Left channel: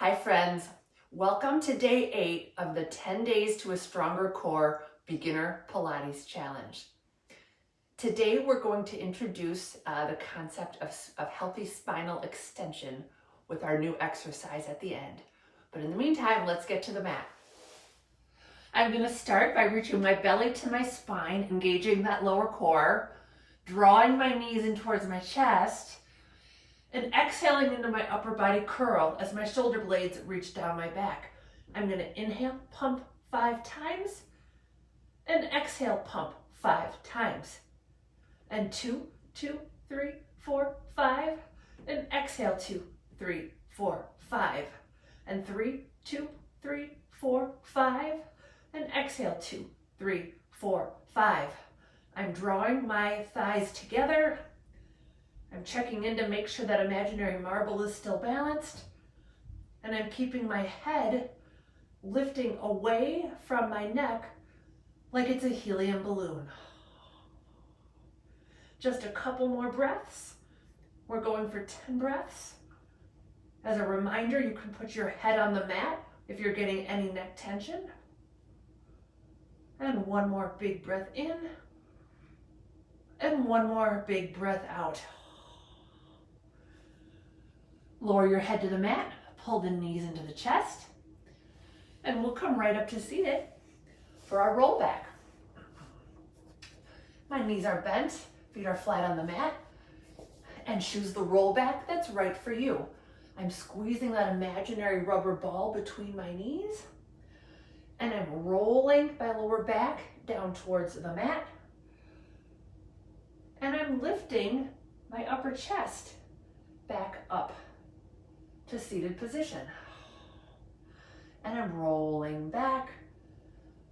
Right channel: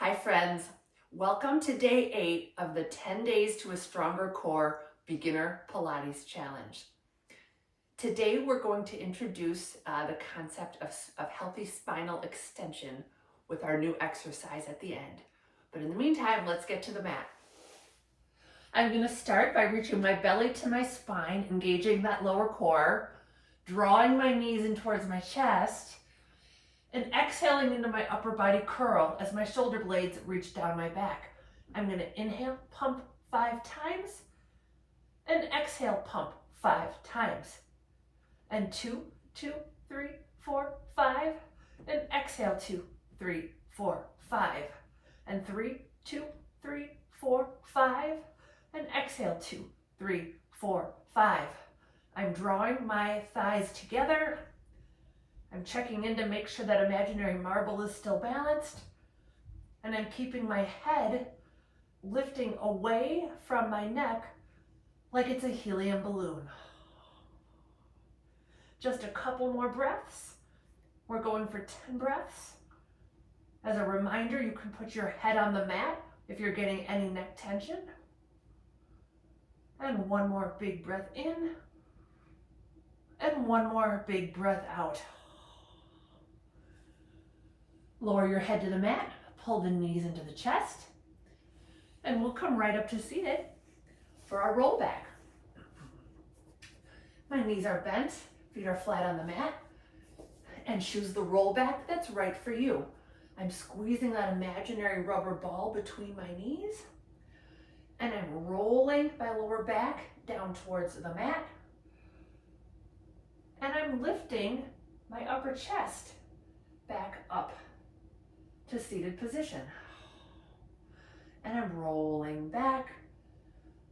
Hi friends, welcome to day 8 of the 10 Days to a Stronger Core Beginner Pilates Challenge. Today we're going to introduce the concept of healthy spinal extension with our new exercise at the end. But in the meantime, let's get to the mat. I'm going to start by reaching my belly to my spine, engaging that lower core, drawing my knees in towards my chest, and exhaling into my upper body curl as my shoulder blades reach down my back. I'm going to inhale, pump 5 times, and exhale, pump 5 times. And 2, 2, 3, 4, 5, and exhale 2, 3, 4, 5, and 3, 2, 3, 4, 5, and exhale 2, 3, 4, 5. I'm drawing my thighs together. I'm checking in to make sure that imaginary marble is still balanced, and I'm keeping my head lifting away from my neck like it's a helium balloon. Just a couple more breaths. We're going for 10 breaths. As a reminder, you can put your head on the mat if you're getting any neck tension. And one more big breath in, and one more big breath out. Lower your head to the mat, pull the knees into the chest, and we'll come right up to seated for our roll back. My knees are bent, feet are flat on the mat, and choose the roll back that's right for you. I'm squeezing that imaginary rubber ball between my knees, and I'm rolling my lower back down towards the mat, and I'm lifting my upper chest back up to seated position. And I'm rolling back,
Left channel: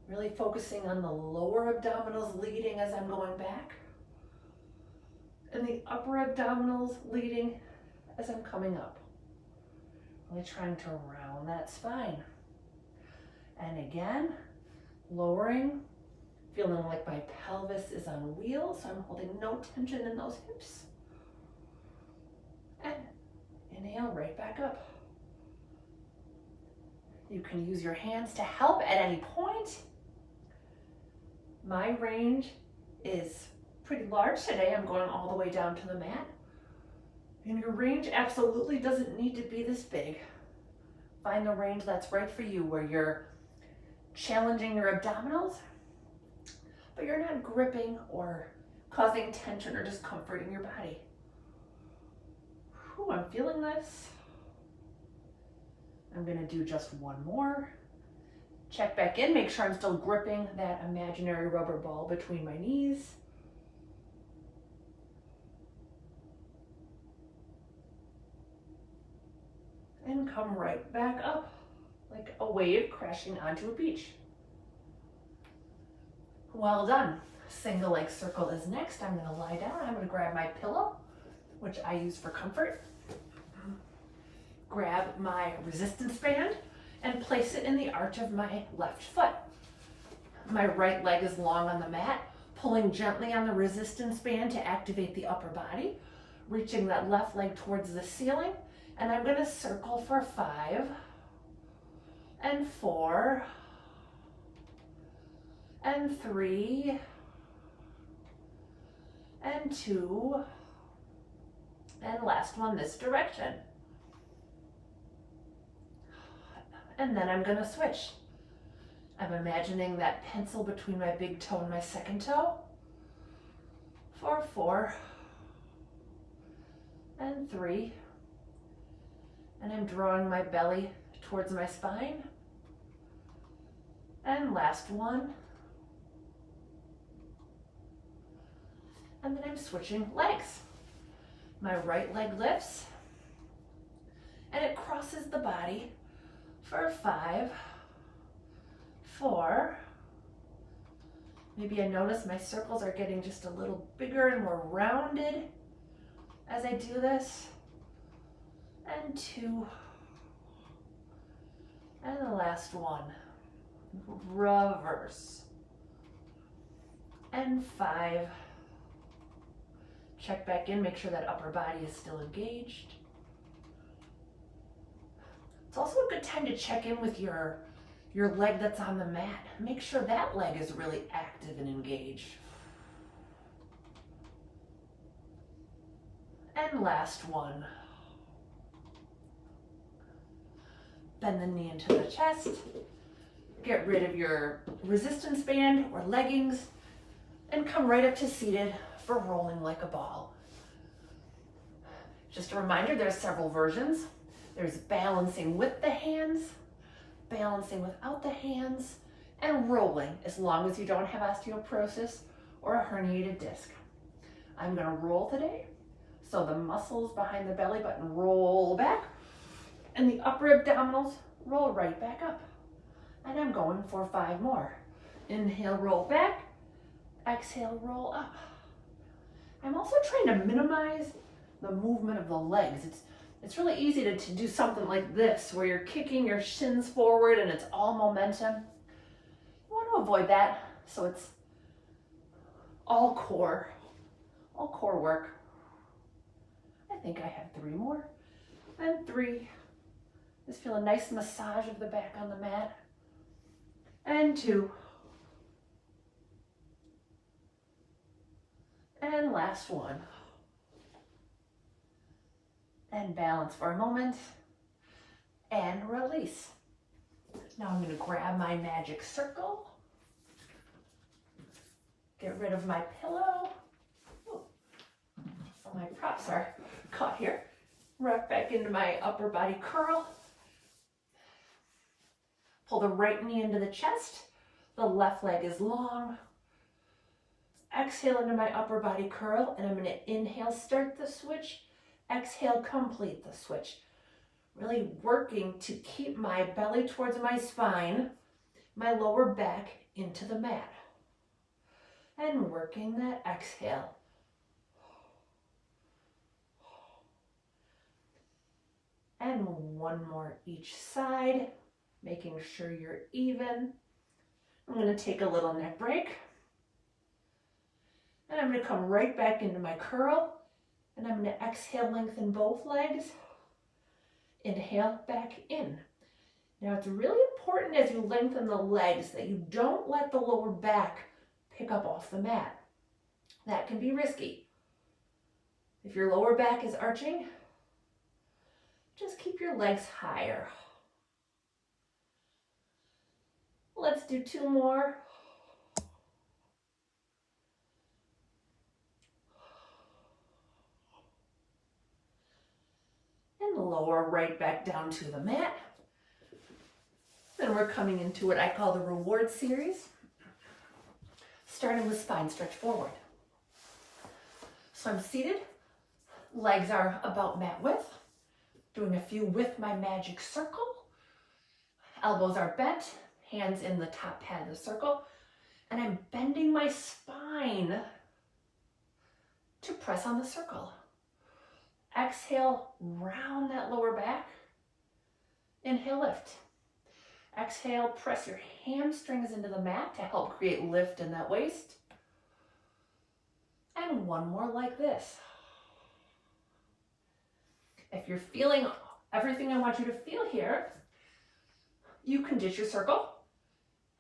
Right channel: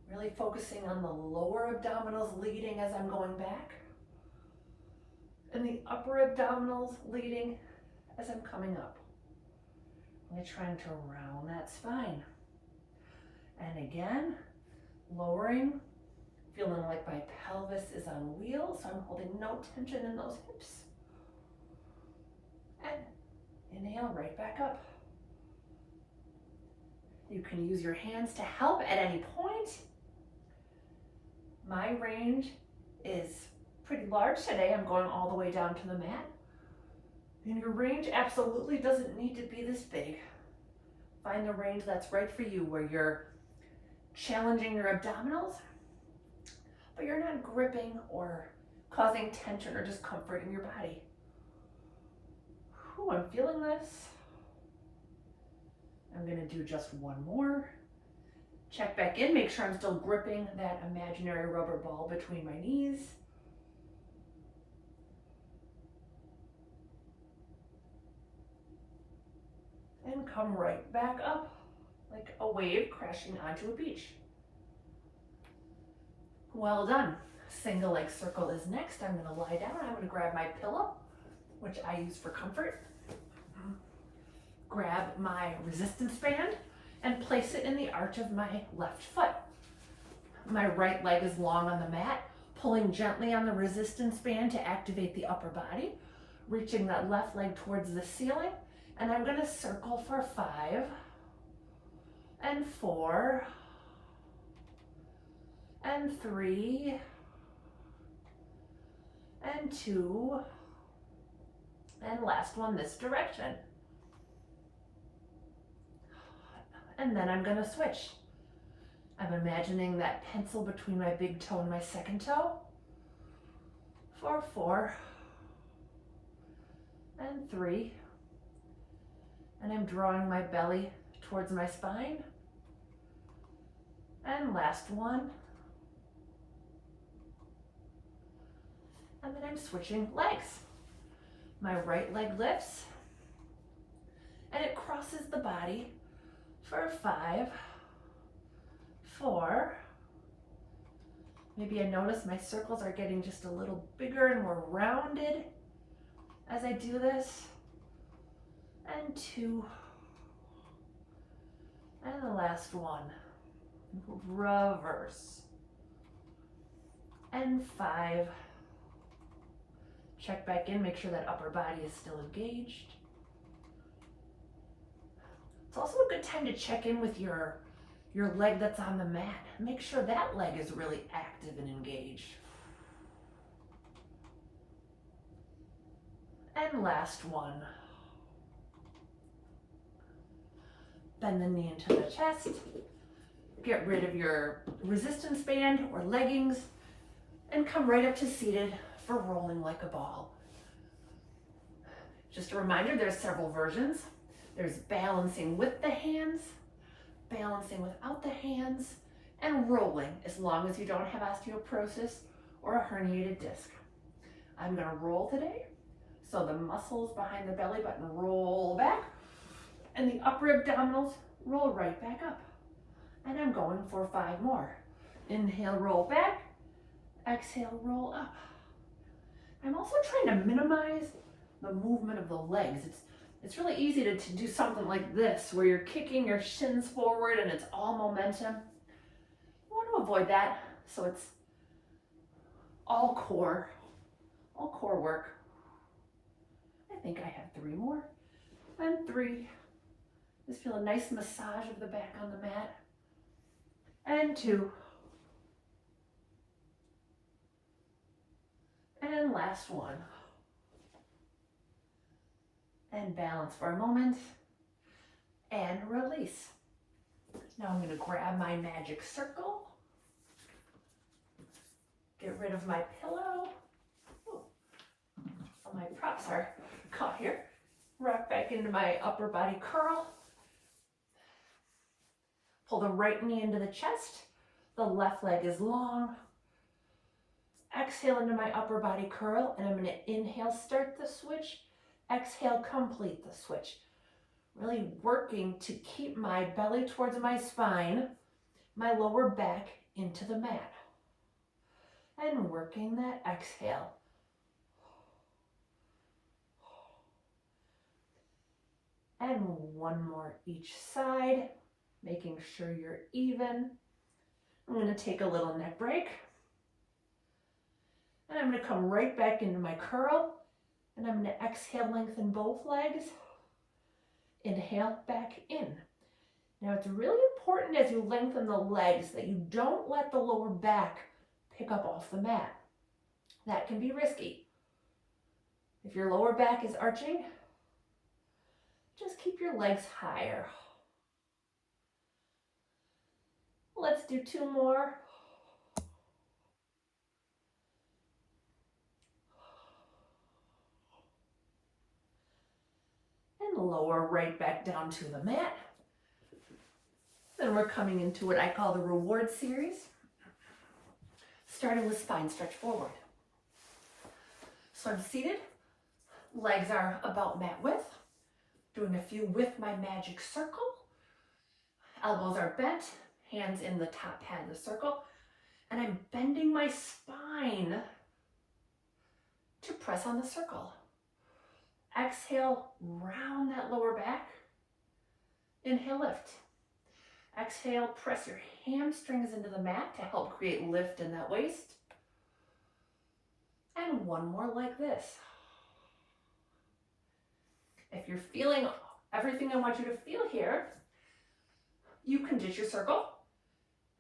really focusing on the lower abdominals leading as I'm going back, and the upper abdominals leading as I'm coming up. Really trying to round that spine. And again, lowering, feeling like my pelvis is on wheels, so I'm holding no tension in those hips. And inhale right back up. You can use your hands to help at any point. My range is pretty large today. I'm going all the way down to the mat. And your range absolutely doesn't need to be this big. Find the range that's right for you, where you're challenging your abdominals, but you're not gripping or causing tension or discomfort in your body. Ooh, I'm feeling this. I'm going to do just one more. Check back in, make sure I'm still gripping that imaginary rubber ball between my knees. And come right back up like a wave crashing onto a beach. Well done. Single leg circle is next. I'm going to lie down. I'm going to grab my pillow, which I use for comfort. Grab my resistance band and place it in the arch of my left foot. My right leg is long on the mat, pulling gently on the resistance band to activate the upper body, reaching that left leg towards the ceiling, and I'm going to circle for 5 and 4 and 3 and 2 and last one this direction. And then I'm going to switch. I'm imagining that pencil between my big toe and my second toe for 4 and 3. And I'm drawing my belly towards my spine. And last one. And then I'm switching legs. My right leg lifts and it crosses the body for 5, 4. Maybe I notice my circles are getting just a little bigger and more rounded as I do this. And 2. And the last one. Reverse. And 5. Check back in, make sure that upper body is still engaged. It's also a good time to check in with your leg that's on the mat. Make sure that leg is really active and engaged. And last one. Bend the knee into the chest. Get rid of your resistance band or leggings and come right up to seated for rolling like a ball. Just a reminder, there's several versions. There's balancing with the hands, balancing without the hands, and rolling as long as you don't have osteoporosis or a herniated disc. I'm gonna roll today, so the muscles behind the belly button roll back and the upper abdominals roll right back up. And I'm going for 5 more. Inhale, roll back. Exhale, roll up. I'm also trying to minimize the movement of the legs. It's really easy to do something like this, where you're kicking your shins forward and it's all momentum. You want to avoid that, so it's all core work. I think I have 3 more. And 3. Just feel a nice massage of the back on the mat. And 2. And last one. And balance for a moment. And release. Now I'm going to grab my magic circle. Get rid of my pillow. Ooh, my props are caught here. Rock back into my upper body curl. Pull the right knee into the chest. The left leg is long. Exhale into my upper body curl, and I'm going to inhale, start the switch. Exhale, complete the switch. Really working to keep my belly towards my spine, my lower back into the mat. And working that exhale. And 1 more each side, making sure you're even. I'm going to take a little neck break. And I'm going to come right back into my curl. And I'm going to exhale, lengthen both legs. Inhale, back in. Now it's really important as you lengthen the legs that you don't let the lower back pick up off the mat. That can be risky. If your lower back is arching, just keep your legs higher. Let's do 2 more. And lower right back down to the mat. Then we're coming into what I call the reward series, starting with spine stretch forward. So I'm seated, legs are about mat width, doing a few with my magic circle. Elbows are bent, hands in the top pad of the circle, and I'm bending my spine to press on the circle. Exhale, round that lower back. Inhale, lift. Exhale, press your hamstrings into the mat to help create lift in that waist. And 1 more like this. If you're feeling everything I want you to feel here, you can ditch your circle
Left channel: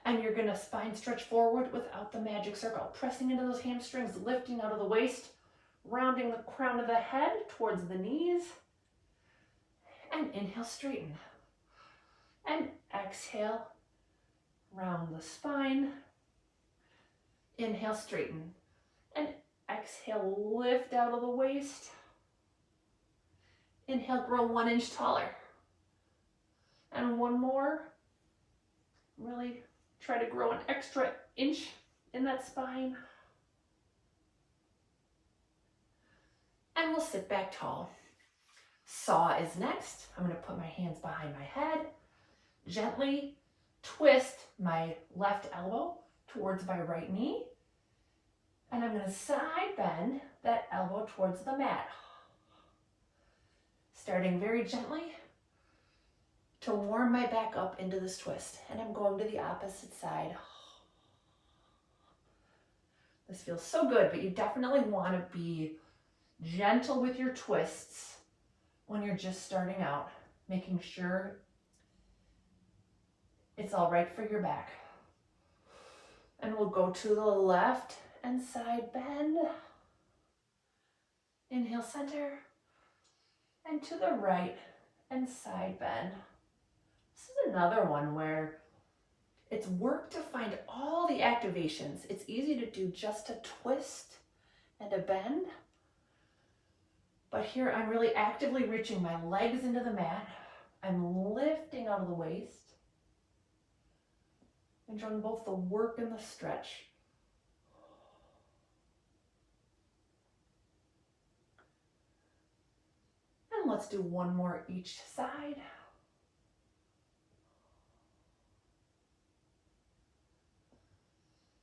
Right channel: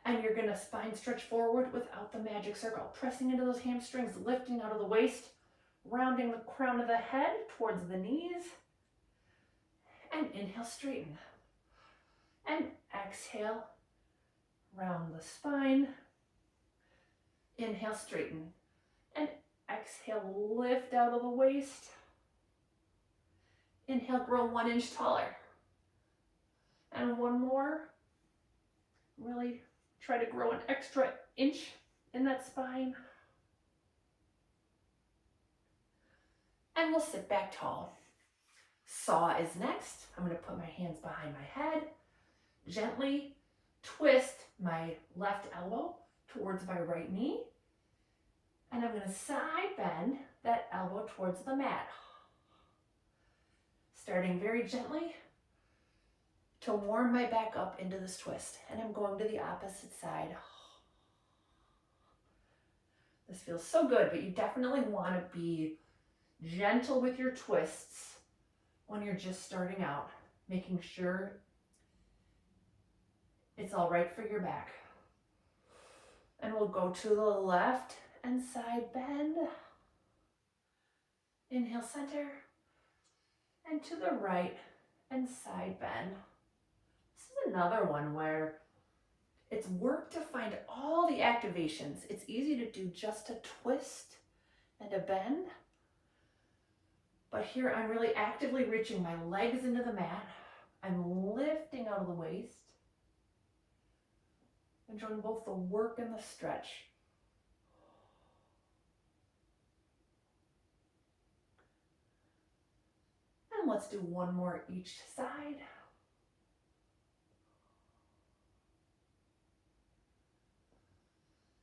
and you're going to spine stretch forward without the magic circle, pressing into those hamstrings, lifting out of the waist, rounding the crown of the head towards the knees, and inhale, straighten. And exhale, round the spine. Inhale, straighten. And exhale, lift out of the waist. Inhale, grow 1 inch taller. And 1 more. Really try to grow an extra inch in that spine. And we'll sit back tall. Saw is next. I'm going to put my hands behind my head. Gently twist my left elbow towards my right knee. And I'm going to side bend that elbow towards the mat. Starting very gently to warm my back up into this twist. And I'm going to the opposite side. This feels so good, but you definitely want to be gentle with your twists when you're just starting out, making sure It's all right for your back. And we'll go to the left and side bend. Inhale, center. And to the right and side bend. This is another one where it's work to find all the activations. It's easy to do just a twist and a bend. But here I'm really actively reaching my legs into the mat. I'm lifting out of the waist. Enjoying both the work and the stretch. And let's do one more each side.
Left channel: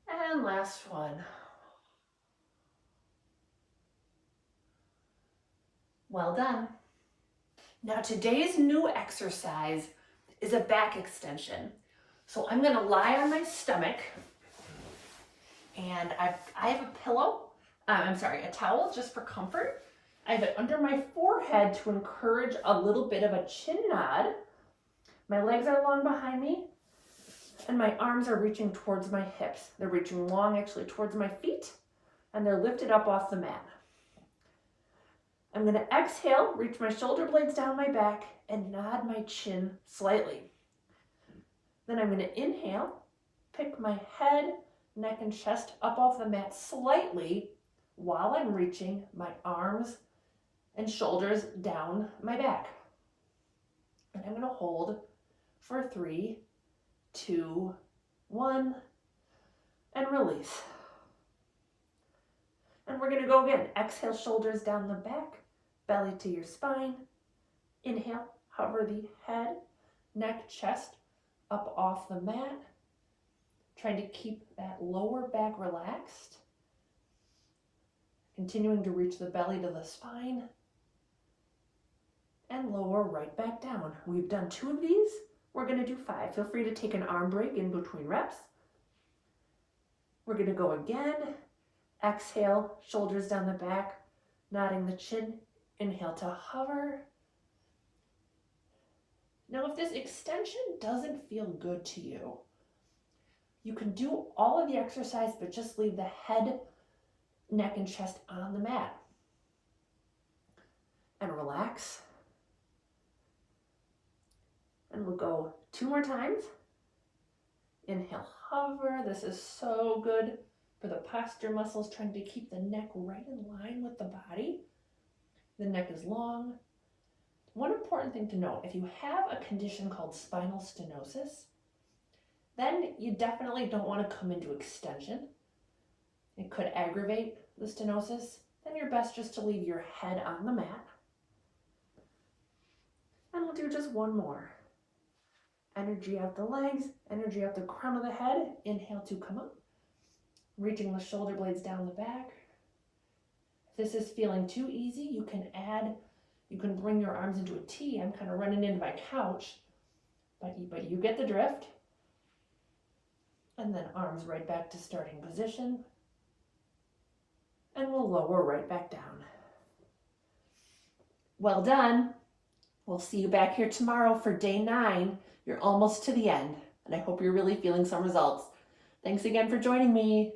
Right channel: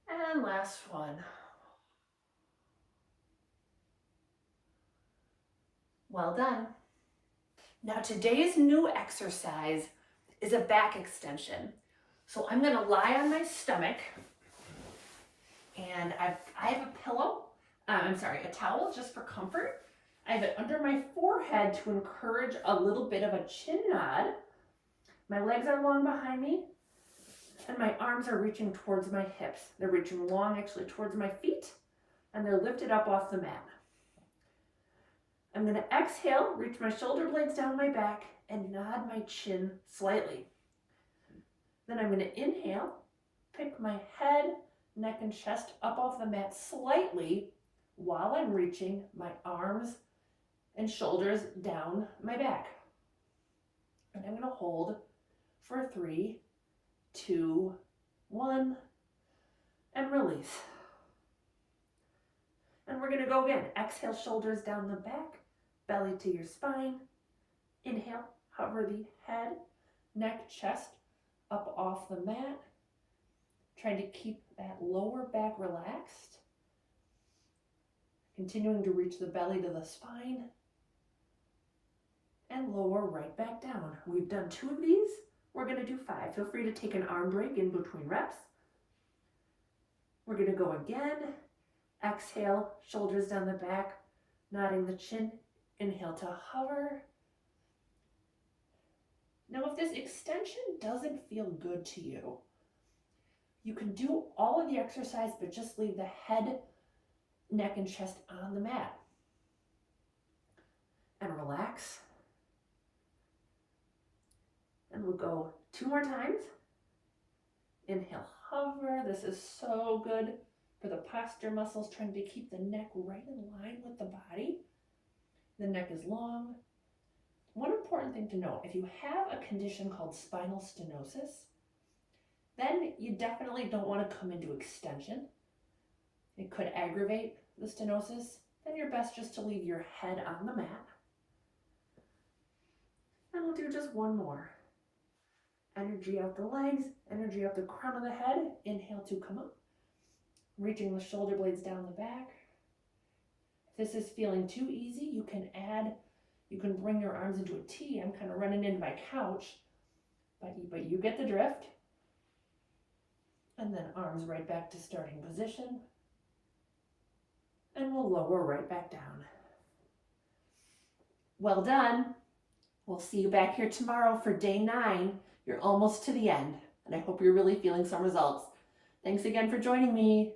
And last one. Well done. Now today's new exercise is a back extension. So I'm gonna lie on my stomach and I have a pillow, a towel just for comfort. I have it under my forehead to encourage a little bit of a chin nod. My legs are long behind me and my arms are reaching towards my hips. They're reaching long actually towards my feet and they're lifted up off the mat. I'm going to exhale, reach my shoulder blades down my back and nod my chin slightly. Then I'm going to inhale, pick my head, neck, and chest up off the mat slightly while I'm reaching my arms and shoulders down my back. And I'm going to hold for 3, 2, 1, and release. And we're going to go again. Exhale, shoulders down the back, belly to your spine. Inhale, hover the head, neck, chest up off the mat. Trying to keep that lower back relaxed. Continuing to reach the belly to the spine. And lower right back down. We've done 2 of these. We're going to do 5. Feel free to take an arm break in between reps. We're going to go again. Exhale, shoulders down the back, nodding the chin. Inhale to hover. Now, if this extension doesn't feel good to you, you can do all of the exercise, but just leave the head, neck, and chest on the mat. And relax. And we'll go 2 more times. Inhale, hover. This is so good for the posture muscles, trying to keep the neck right in line with the body. The neck is long. One important thing to note, if you have a condition called spinal stenosis, then you definitely don't want to come into extension. It could aggravate the stenosis. Then you're best just to leave your head on the mat. And we'll do just one more. Energy out the legs, energy out the crown of the head. Inhale to come up. Reaching the shoulder blades down the back. If this is feeling too easy, you can bring your arms into a T. I'm kind of running into my couch, but you get the drift. And then arms right back to starting position. And we'll lower right back down. Well done. We'll see you back here tomorrow for day 9. You're almost to the end, and I hope you're really feeling some results. Thanks again for joining me.